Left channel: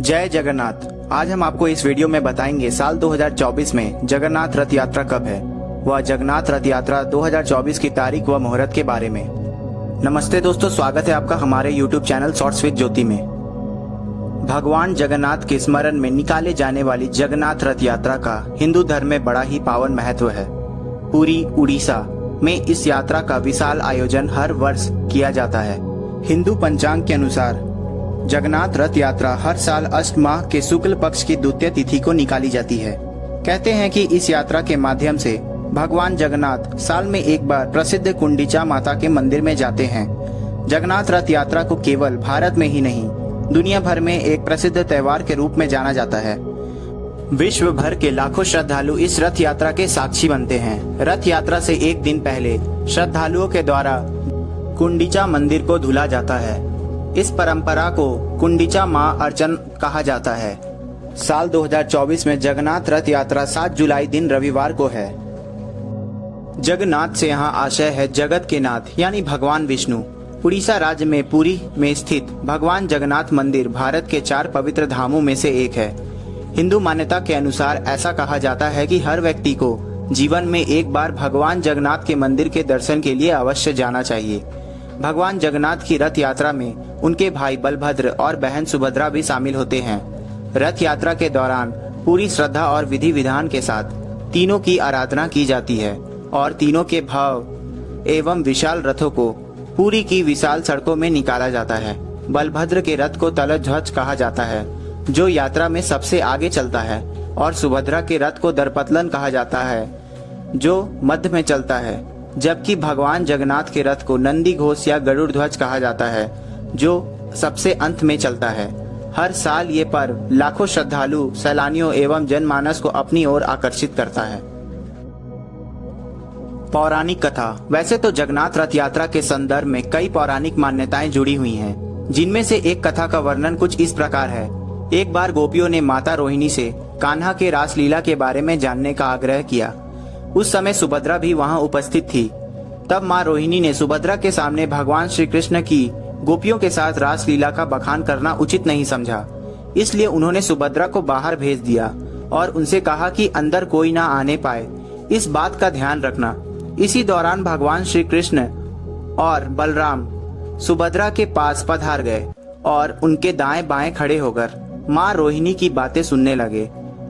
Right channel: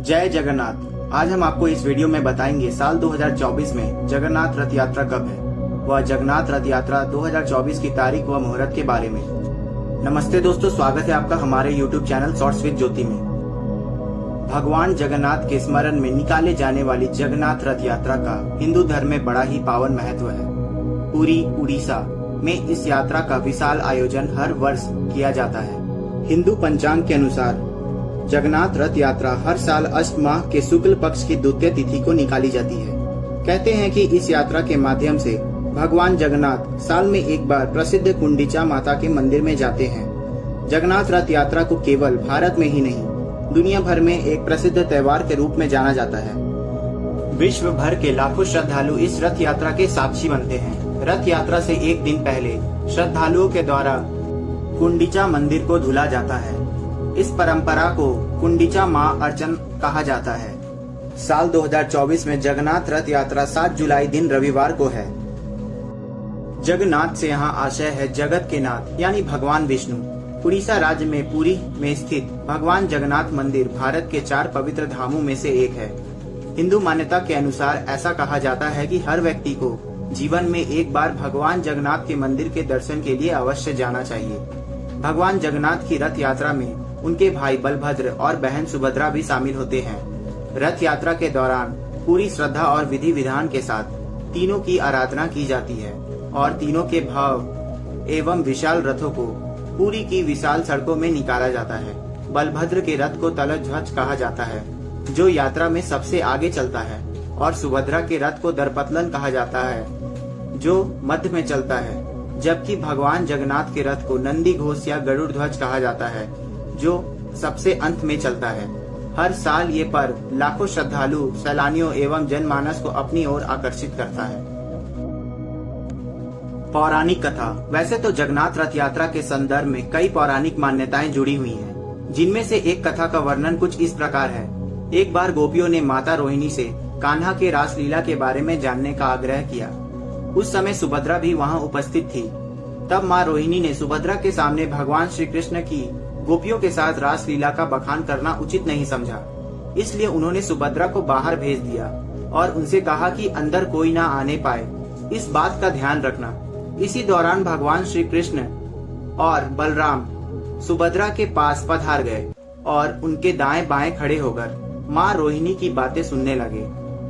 जय जगन्नाथ। आज हम आपको इस वीडियो में बताएंगे साल 2024 में जगन्नाथ रथ यात्रा कब है। वह जगन्नाथ रथ यात्रा 2024 की तारीख व मुहूर्त के बारे में। नमस्ते दोस्तों, स्वागत है आपका हमारे YouTube चैनल शॉर्ट्स विद ज्योति में। भगवान जगन्नाथ के स्मरण में निकाले जाने वाली जगन्नाथ रथ यात्रा का हिंदू धर्म में बड़ा ही पावन महत्व है। पुरी, उड़ीसा में इस यात्रा का विशाल आयोजन हर वर्ष किया जाता है। हिंदू पंचांग के अनुसार जगन्नाथ रथ यात्रा हर साल अष्ट माह के शुक्ल पक्ष की द्वितीय तिथि को निकाली जाती है। कहते हैं कि इस यात्रा के माध्यम से भगवान जगन्नाथ साल में एक बार प्रसिद्ध कुंडिचा माता के मंदिर में जाते हैं। जगन्नाथ रथ यात्रा को केवल भारत में ही नहीं, दुनिया भर में एक प्रसिद्ध त्योहार के रूप में जाना जाता है। विश्व भर के लाखों श्रद्धालु इस रथ यात्रा के साक्षी बनते हैं। रथ यात्रा से एक दिन पहले श्रद्धालुओं के द्वारा कुंडिचा मंदिर को धुला जाता है। इस परंपरा को कुंडिचा मां अर्चन कहा जाता है। साल 2024 में जगन्नाथ रथ यात्रा 7 जुलाई दिन रविवार को है। जगन्नाथ से यहाँ आशय है जगत के नाथ यानी भगवान विष्णु। उड़ीसा राज्य में पुरी में स्थित भगवान जगन्नाथ मंदिर भारत के 4 पवित्र धामों में से एक है। हिंदू मान्यता के अनुसार ऐसा कहा जाता है कि हर व्यक्ति को जीवन में एक बार भगवान जगन्नाथ के मंदिर के दर्शन के लिए अवश्य जाना चाहिए। भगवान जगन्नाथ की रथ यात्रा में उनके भाई बलभद्र और बहन सुभद्रा भी शामिल होते हैं। रथ यात्रा के दौरान पूरी श्रद्धा और विधि विधान के साथ तीनों की आराधना की जाती है और तीनों के भाव एवं विशाल रथों को पुरी की विशाल सड़कों में निकाला जाता है। बलभद्र के रथ को तलध्वज कहा जाता है, जो यात्रा में सबसे आगे चलता है, और सुभद्रा के रथ को दर्पतलन कहा जाता है, जो मध्य में चलता है। जबकि भगवान जगन्नाथ के रथ को नंदी घोष या गरुड़ ध्वज कहा जाता है, जो सबसे अंत में चलता है। हर साल ये पर्व लाखों श्रद्धालु, सैलानियों एवं जनमानस को अपनी ओर आकर्षित करता है। पौराणिक कथा। वैसे तो जगन्नाथ रथ यात्रा के संदर्भ में कई पौराणिक मान्यताएं जुड़ी हुई हैं, जिनमें से एक कथा का वर्णन कुछ इस प्रकार है। एक बार गोपियों ने माता रोहिणी से कान्हा के रासलीला के बारे में जानने का आग्रह किया। उस समय सुभद्रा भी वहां उपस्थित थी। तब माँ रोहिणी ने सुभद्रा के सामने भगवान श्री कृष्ण की गोपियों के साथ रासलीला का बखान करना उचित नहीं समझा। इसलिए उन्होंने सुभद्रा को बाहर भेज दिया और उनसे कहा कि अंदर कोई ना आने पाए, इस बात का ध्यान रखना। इसी दौरान भगवान श्री कृष्ण और बलराम सुभद्रा के पास पधार गए और उनके दाएं बाएं खड़े होकर माँ रोहिणी की बातें सुनने लगे।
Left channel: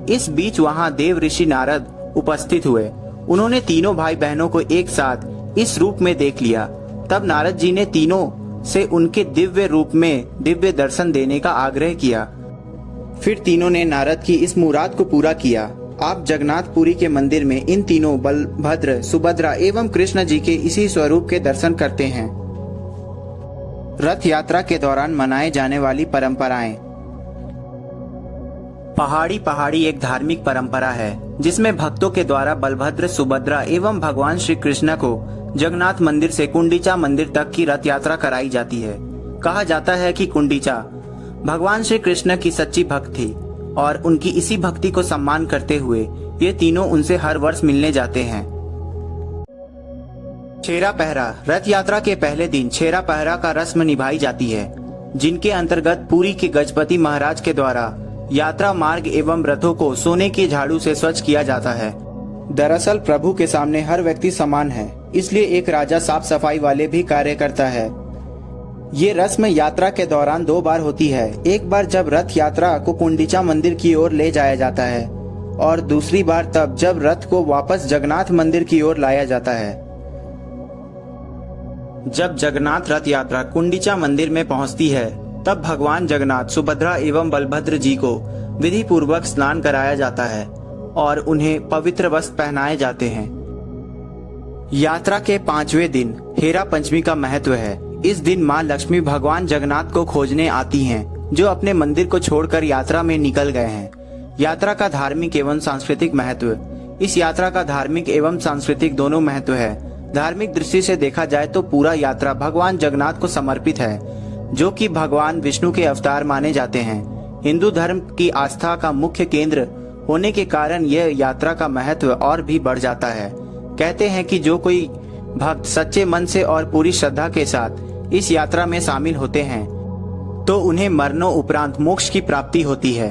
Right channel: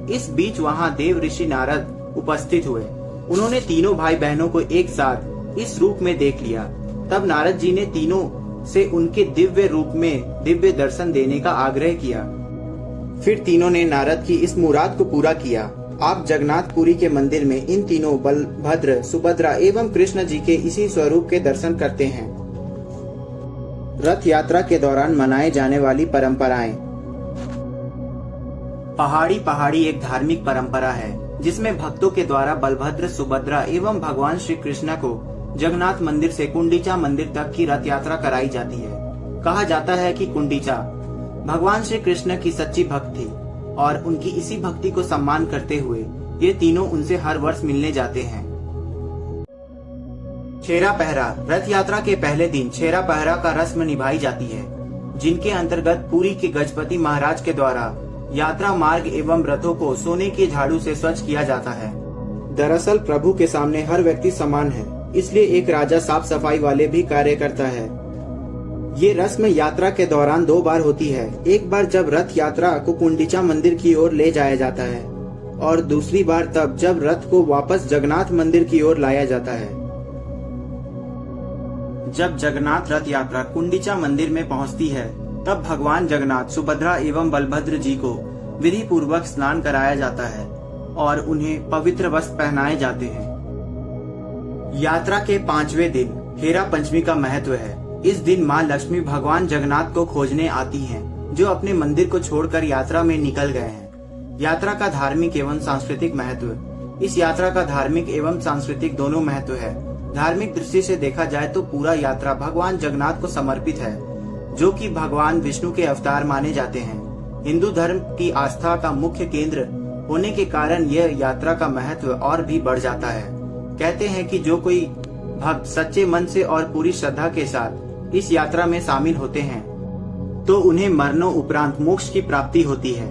इस बीच वहाँ देव ऋषि नारद उपस्थित हुए। उन्होंने तीनों भाई बहनों को एक साथ इस रूप में देख लिया। तब नारद जी ने तीनों से उनके दिव्य रूप में दिव्य दर्शन देने का आग्रह किया। फिर तीनों ने नारद की इस मुराद को पूरा किया। आप जगन्नाथपुरी के मंदिर में इन तीनों बलभद्र, सुभद्रा एवं कृष्ण जी के इसी स्वरूप के दर्शन करते हैं। रथ यात्रा के दौरान मनाए जाने वाली परंपराएं। पहाड़ी एक धार्मिक परंपरा है, जिसमें भक्तों के द्वारा बलभद्र, सुभद्रा एवं भगवान श्री कृष्ण को जगन्नाथ मंदिर से कुंडिचा मंदिर तक की रथ यात्रा कराई जाती है। कहा जाता है कि कुंडिचा भगवान श्री कृष्ण की सच्ची भक्त थी और उनकी इसी भक्ति को सम्मान करते हुए ये तीनों उनसे हर वर्ष मिलने जाते हैं। छेरा पहरा। रथ यात्रा के पहले दिन छेरा पहरा का रस्म निभाई जाती है, जिनके अंतर्गत पुरी के गजपति महाराज के द्वारा यात्रा मार्ग एवं रथों को सोने के झाड़ू से स्वच्छ किया जाता है। दरअसल प्रभु के सामने हर व्यक्ति समान है, इसलिए एक राजा साफ सफाई वाले भी कार्य करता है। ये रस्म यात्रा के दौरान 2 बार होती है। एक बार जब रथ यात्रा को कुंडिचा मंदिर की ओर ले जाया जाता है और दूसरी बार तब जब रथ को वापस जगन्नाथ मंदिर की ओर लाया जाता है। जब जगन्नाथ रथ यात्रा कुंडिचा मंदिर में पहुंचती है, तब भगवान जगन्नाथ, सुभद्रा एवं बलभद्र जी को विधि पूर्वक स्नान कराया जाता है और उन्हें पवित्र वस्त्र पहनाए जाते हैं। यात्रा के 5वें दिन हेरा पंचमी का महत्व है। इस दिन माँ लक्ष्मी भगवान जगन्नाथ को खोजने आती हैं, जो अपने मंदिर को छोड़कर यात्रा में निकल गए हैं। यात्रा का धार्मिक एवं सांस्कृतिक महत्व। इस यात्रा का धार्मिक एवं सांस्कृतिक दोनों महत्व है। धार्मिक दृष्टि से देखा जाए तो पूरा यात्रा भगवान जगन्नाथ को समर्पित है, जो कि भगवान विष्णु के अवतार माने जाते हैं। हिंदू धर्म की आस्था का मुख्य केंद्र होने के कारण यह यात्रा का महत्व और भी बढ़ जाता है। कहते हैं कि जो कोई भक्त सच्चे मन से और पूरी श्रद्धा के साथ इस यात्रा में शामिल होते हैं, तो उन्हें मरणों उपरांत मोक्ष की प्राप्ति होती है।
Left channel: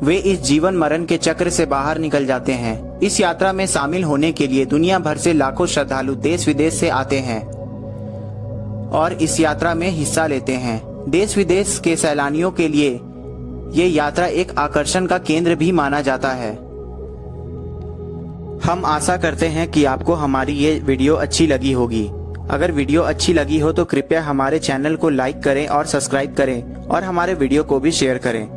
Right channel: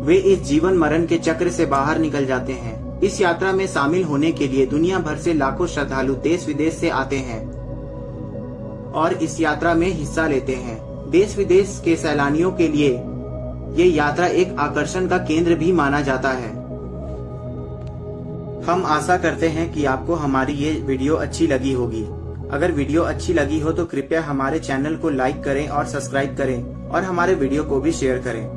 वे इस जीवन मरण के चक्र से बाहर निकल जाते हैं। इस यात्रा में शामिल होने के लिए दुनिया भर से लाखों श्रद्धालु देश विदेश से आते हैं और इस यात्रा में हिस्सा लेते हैं। देश विदेश के सैलानियों के लिए ये यात्रा एक आकर्षण का केंद्र भी माना जाता है। हम आशा करते हैं कि आपको हमारी ये वीडियो अच्छी लगी होगी। अगर वीडियो अच्छी लगी हो तो कृपया हमारे चैनल को लाइक करें और सब्सक्राइब करें और हमारे वीडियो को भी शेयर करें।